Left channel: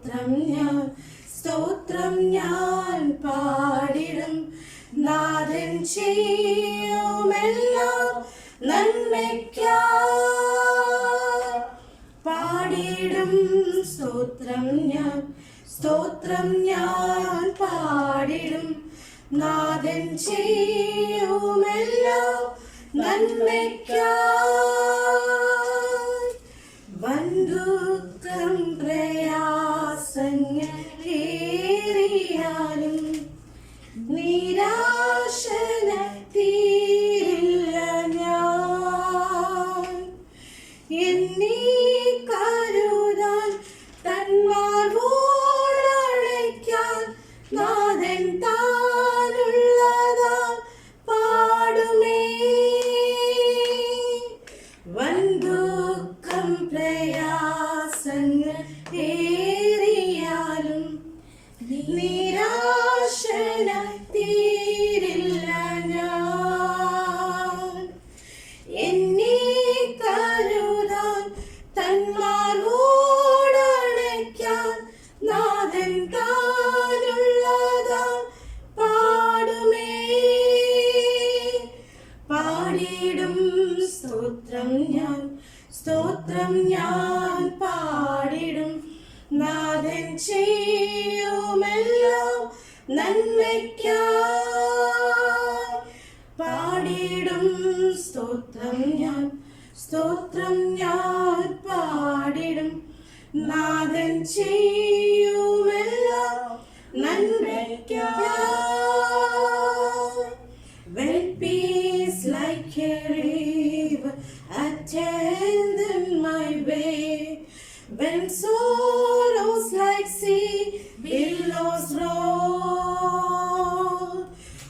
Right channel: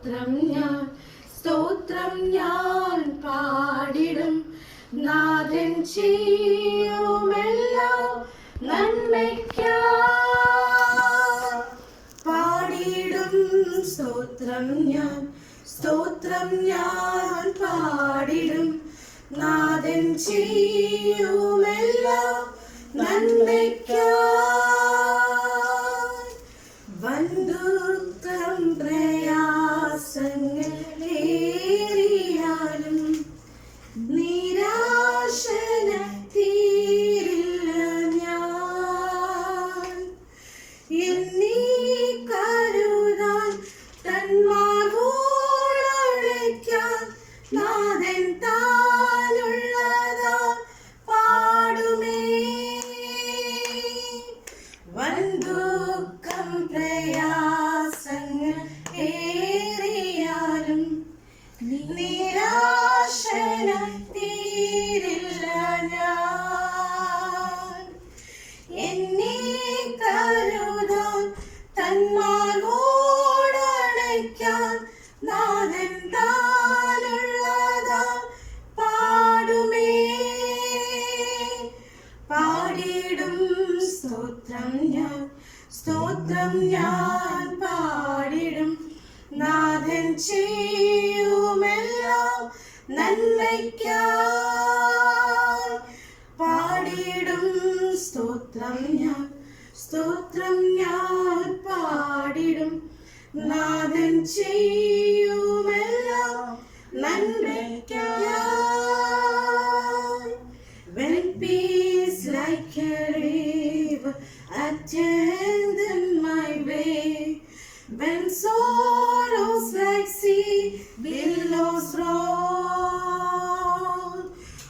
സ്തോത്രം ഞാൻ സ്തോത്രം ഞാൻ പാടിടും. നാഥൻ ചെയ്യുമെല്ലാം നന്മയ്ക്കാ. പാടിടും സ്തോത്രം ഞാൻ സ്തോത്രം ഞാൻ പാടിടും. നാഥൻ ചെയ്യുമെല്ലാം നന്മയ്ക്കായി എന്നീ കരുതാൻ തന്മാർവോടണയ്ക്കാൻ നാഥൻ ഞാൻ സ്തോത്രം ഞാൻ പാടിടും. നാഥൻ ചെയ്യുമെല്ലാം നന്മയ്ക്കായി പാടിടും. സ്തോത്രം ഞാൻ സ്തോത്രം ഞാൻ പാടിടും. നാഥൻ ചെയ്യുമെല്ലാം നന്മയ്ക്കായി when sorrows like sea billows roll,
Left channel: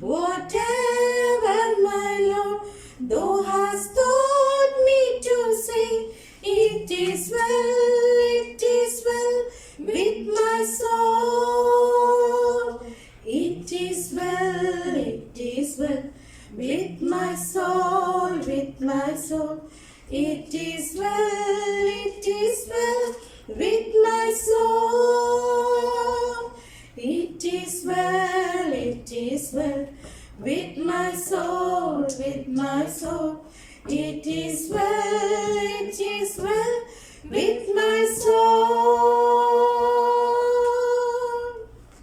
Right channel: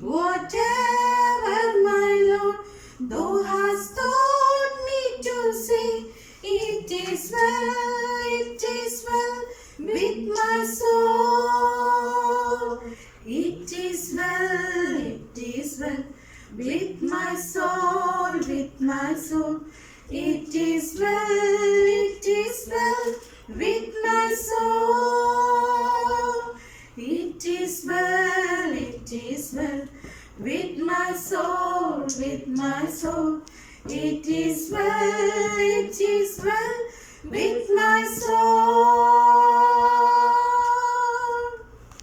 whatever my Lord thou hast taught me to say, it is well, it is well with my soul. It is well, it is well with my soul, with my soul. It is well, it is well with my soul. It is well, it is well with my soul, with my soul. It is well, it